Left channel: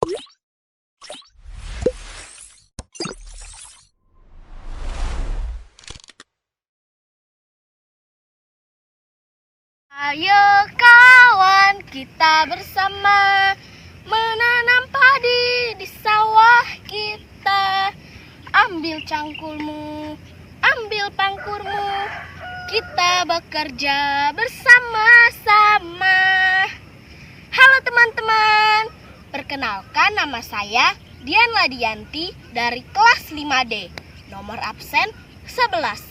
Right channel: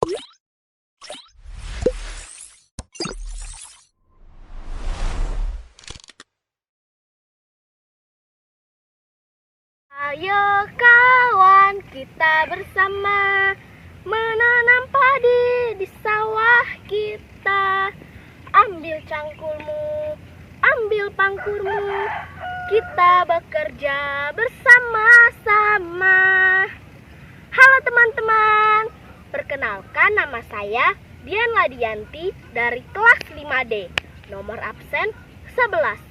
Ayo kawan, kita bersama menanam padi di sawah kita. Ambil cangkulmu, ambil pangkurmu, kita bekerja bersama-sama. Halo teman-teman, perkenalkan nama saya Dian Ladianti dari kelas 5D, nomor absen 11.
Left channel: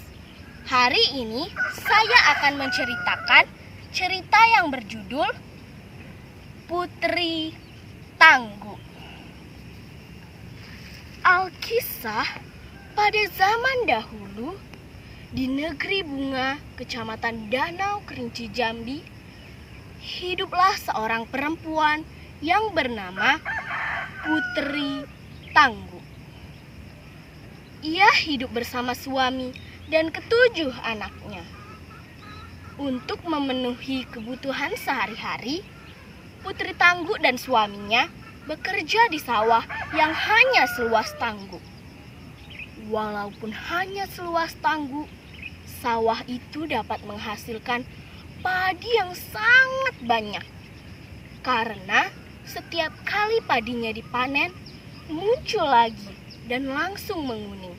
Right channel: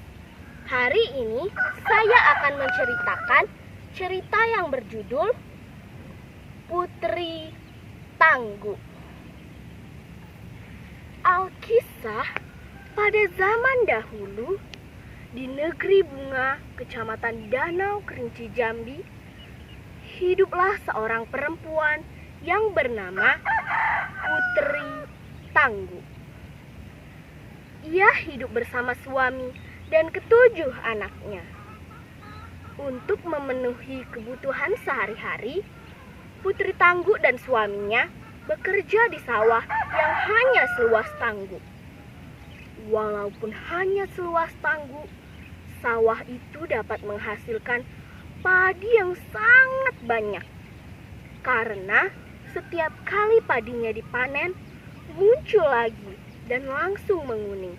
Hari ini saya akan menceritakan cerita yang berjudul Putri Tangguh. Alkisah, pada zaman dahulu di negeri bunga Kecamatan Danau Kerinci Jambi, hiduplah seorang perempuan yang bernama Putri Tangguh. Ia hidup bersama suami dan ketujuh anaknya. Untuk memenuhi kebutuhan sehari-hari, Putri Tangguh dan suaminya bekerja di sawah yang hanya seluas tangguh. Walaupun hanya seluas tangguh, sawah itu dapat menghasilkan padi yang sangat banyak. Karena setiap kali padinya dipanen, muncul lagi dan langsung menguning.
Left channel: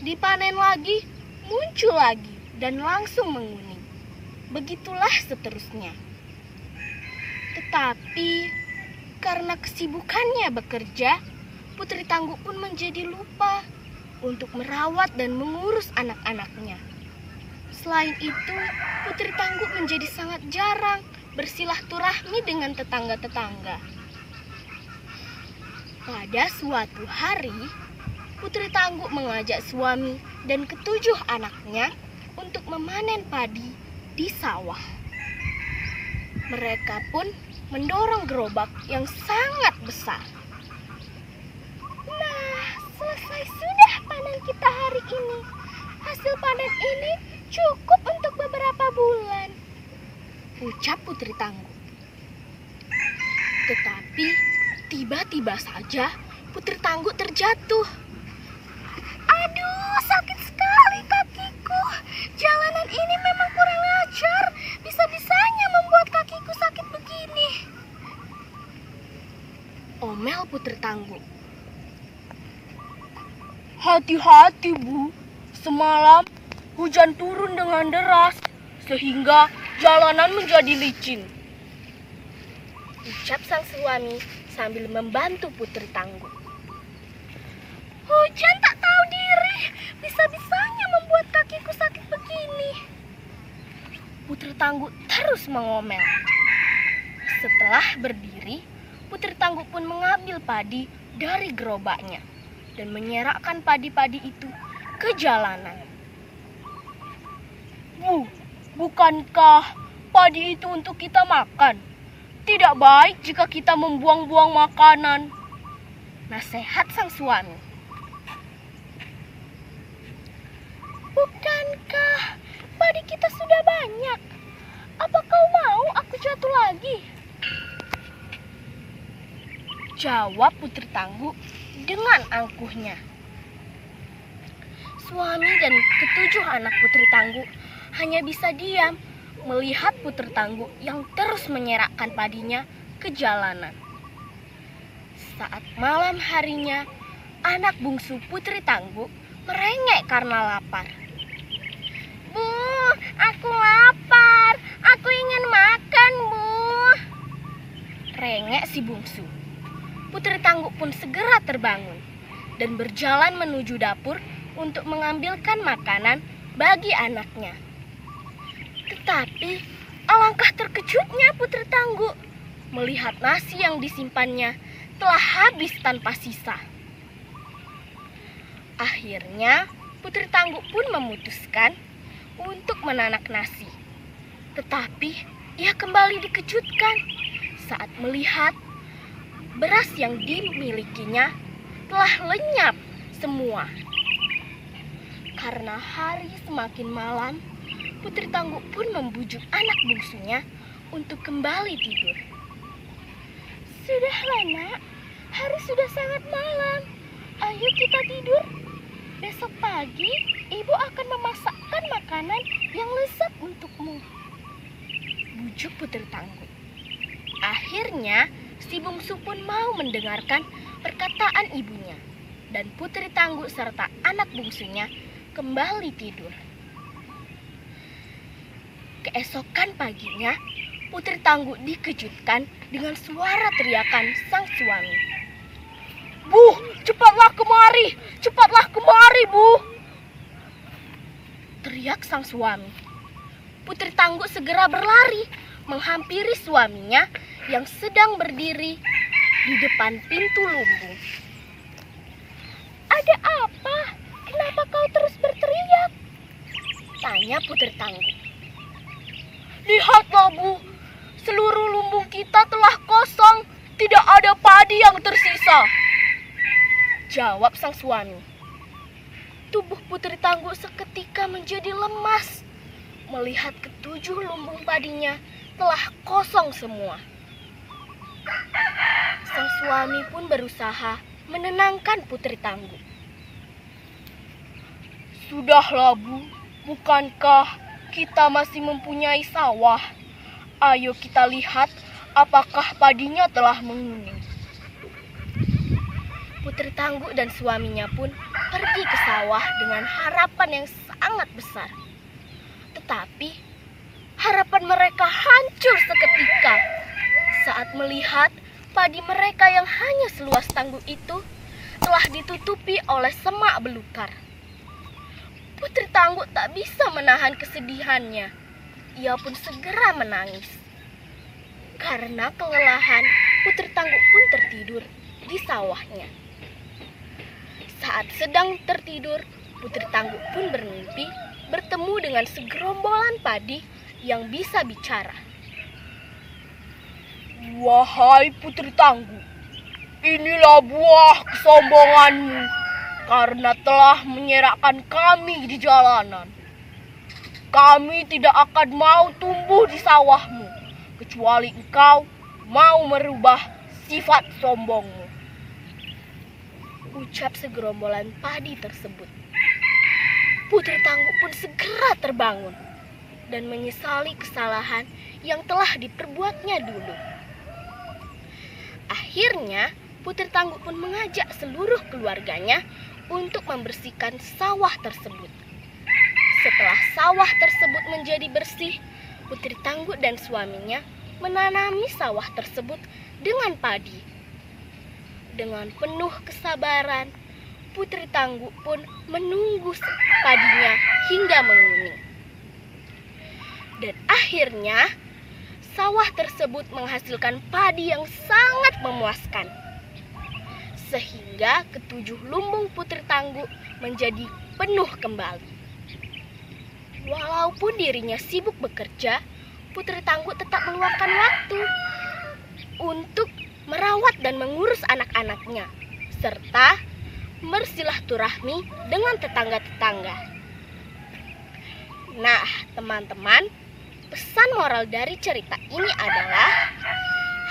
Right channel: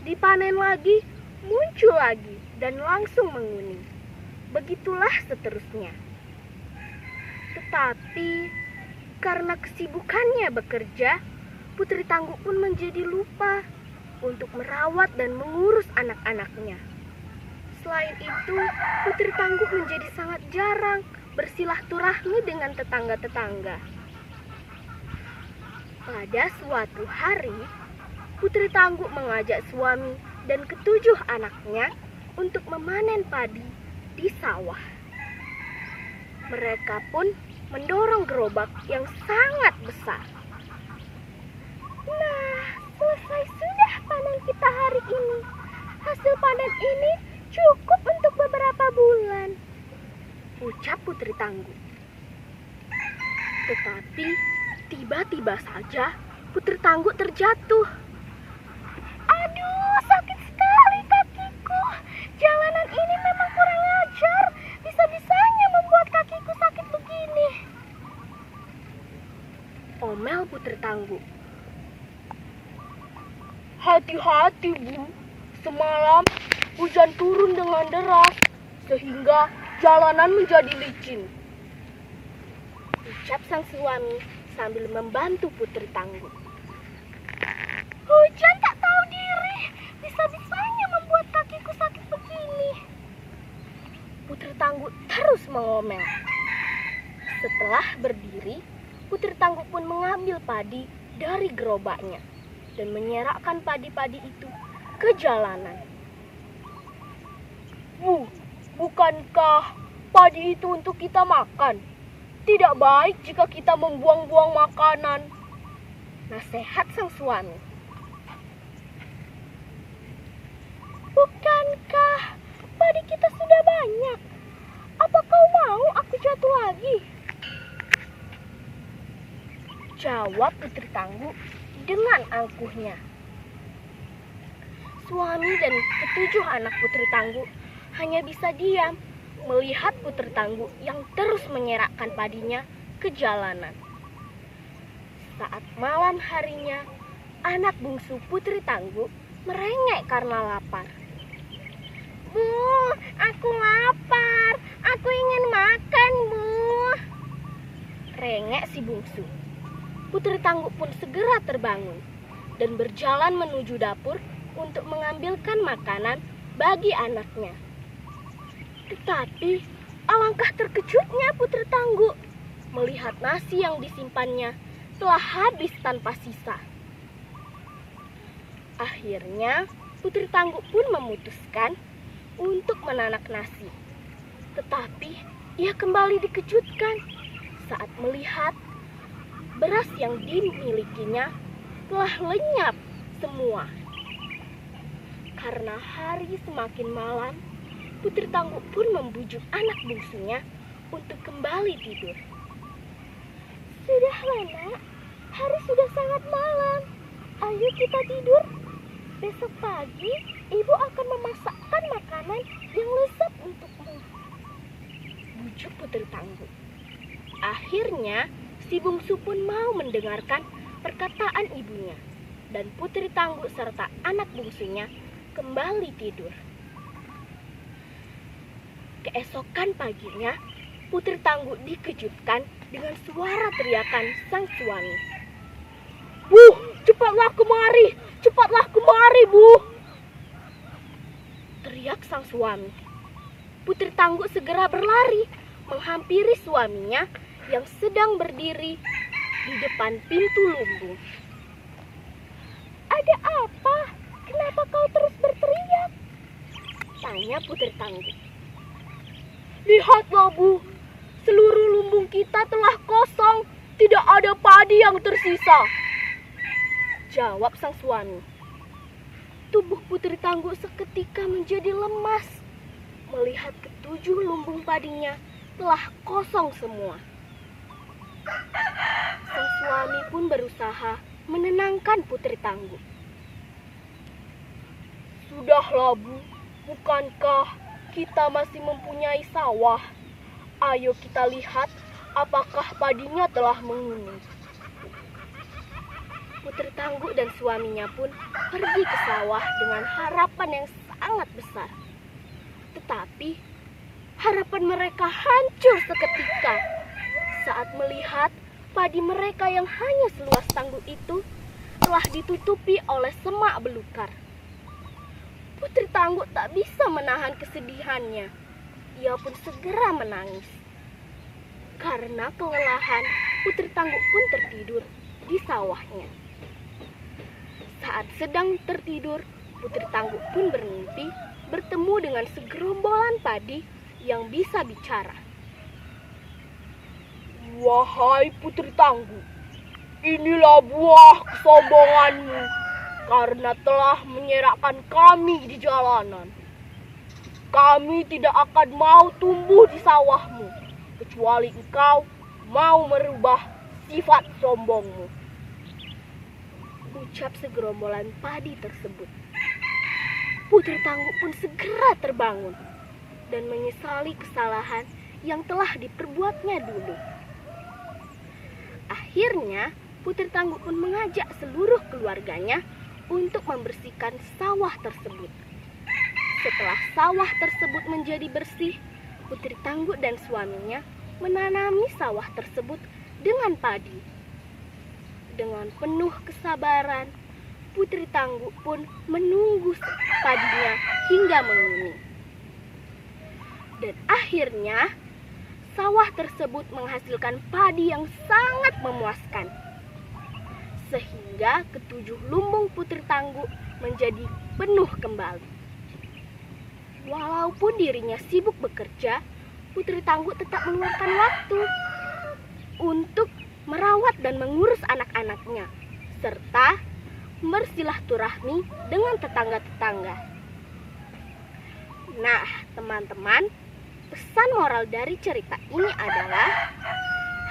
Dipanen lagi, muncul lagi dan langsung menguning. Begitulah seterusnya. Tetapi karena kesibukannya bekerja, Putri Tangguh pun menjadi lupa untuk merawat dan mengurus anak-anaknya. Selain itu, Putri Tangguh menjadi sangat jarang bersilaturahmi dengan tetangga-tetangga. Pada suatu hari, Putri Tangguh mengajak suami dan ketujuh anaknya untuk memanen padi di sawah. Mereka pun mendorong gerobak yang sangat besar. Nah, selesai sudah panen kita hari ini. Hasil panen ini cukup untuk beberapa bulan, ucap Putri Tangguh. Tetapi tiba-tiba saja Putri Tangguh terjatuh. Aduh, sakit sekali kakiku. Jalanan ini memang kurang ajar. Bisa-bisanya membuat kakiku sakit begini, omel Putri Tangguh. Hati-hati, Bu. Semalam hujan turun dengan deras sehingga jalanan menjadi licin, ucap sang suami sambil membantu Putri Tangguh. Hujan tak tahu diri, bisa-bisanya membuat kakiku sakit begini, Putri Tangguh terus mengomel. Setelah berdiri, Putri Tangguh pun mengambil padi dari gerobaknya dan menyerakkan padi-padi itu ke jalanan. Bu, bukankah padi itu untuk kita makan? Tidak baik jika kita membuang-buang makanan, nasihat sang suami. Bukankah padi kita sudah banyak? Apa kau mau aku jatuh lagi? Jawab Putri Tangguh dengan angkuhnya. Suami dan ketujuh anak Putri Tangguh hanya bisa diam melihat Putri Tangguh yang terus menyerakkan padinya ke jalanan. Saat malam harinya, anak bungsu Putri Tangguh merengek karena lapar. Bu, aku lapar. Aku ingin makan, Bu, rengek si bungsu. Putri Tangguh pun segera terbangun dan berjalan menuju dapur untuk mengambilkan makanan bagi anaknya. Tetapi alangkah terkejutnya Putri Tangguh melihat nasi yang disimpannya telah habis tanpa sisa. Akhirnya Putri Tangguh pun memutuskan untuk menanak nasi. Tetapi ia kembali dikejutkan saat melihat beras yang dimilikinya telah lenyap semua. Karena hari semakin malam, Putri Tangguh pun membujuk anak bungsunya untuk kembali tidur. Sudahlah, Nak, hari sudah sangat malam. Ayo kita tidur. Besok pagi ibu akan memasakkan makanan yang lezat untukmu. Bujuk Putri Tangguh. Akhirnya si bungsu pun mau mendengarkan perkataan ibunya. Dan Putri Tangguh serta anak bungsunya kembali tidur. Keesokan paginya, Putri Tangguh dikejutkan dengan suara teriakan sang suami. "Bu, cepatlah kemari! Cepatlah kemari, Bu!" teriak sang suami. Putri Tangguh segera berlari menghampiri suaminya yang sedang berdiri di depan pintu lumbung. "Ada apa? Kenapa kau terus berteriak?" tanya Putri Tangguh. "Lihatlah, Bu, seluruh lumbung kita telah kosong, tidak ada padi yang tersisa," jawab sang suami. Tubuh Putri Tangguh seketika menjadi lemas melihat ketujuh lumbung padinya telah kosong semua. Sang suami pun berusaha menenangkan Putri Tangguh. "Sudahlah, Bu, bukankah kita masih mempunyai sawah? Ayo kita lihat apakah padinya telah menguning." Putri Tangguh dan suaminya pun pergi ke sawah dengan harapan yang sangat besar. Tetapi harapan mereka hancur seketika saat melihat padi mereka yang hanya seluas tangguh itu telah ditutupi oleh semak belukar. Putri Tangguh tak bisa menahan kesedihannya. Ia pun segera menangis. Karena kelelahan, Putri Tangguh pun tertidur di sawahnya. Saat sedang tertidur, Putri Tangguh pun bermimpi bertemu dengan segerombolan padi yang bisa bicara. "Wahai Putri Tangguh, inilah buah kesombonganmu karena telah menyerakkan kami di jalanan. Kami tidak akan mau tumbuh di sawahmu kecuali engkau mau merubah sifat sombongmu," ucap segerombolan padi tersebut. Putri Tangguh pun segera terbangun dan menyesali kesalahan yang telah diperbuatnya dulu. Akhirnya, Putri Tangguh pun mengajak seluruh keluarganya untuk membersihkan sawah tersebut. Setelah sawah tersebut menjadi bersih, Putri Tangguh dan suaminya menanami sawah tersebut dengan padi. Dengan penuh kesabaran, Putri Tangguh pun menunggu padinya hingga menguning. Dan akhirnya, sawah tersebut menghasilkan padi yang sangat memuaskan. Sehingga ketujuh lumbung Putri Tangguh menjadi penuh kembali. Walaupun dirinya sibuk bekerja, Putri Tangguh tetap meluangkan waktu untuk merawat dan mengurus anak-anaknya, serta bersilaturahmi dengan tetangga-tetangga. Nah, teman-teman, pesan moral dari cerita ini adalah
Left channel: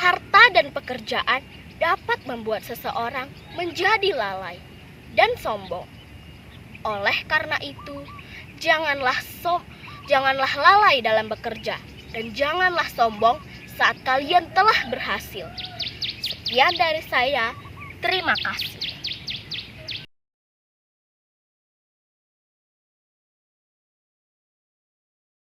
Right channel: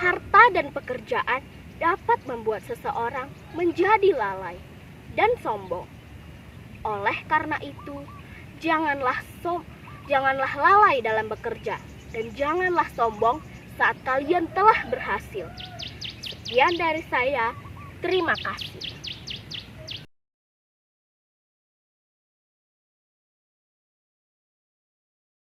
harta dan pekerjaan dapat membuat seseorang menjadi lalai dan sombong. Oleh karena itu, janganlah lalai dalam bekerja dan janganlah sombong saat kalian telah berhasil. Sekian dari saya, terima kasih.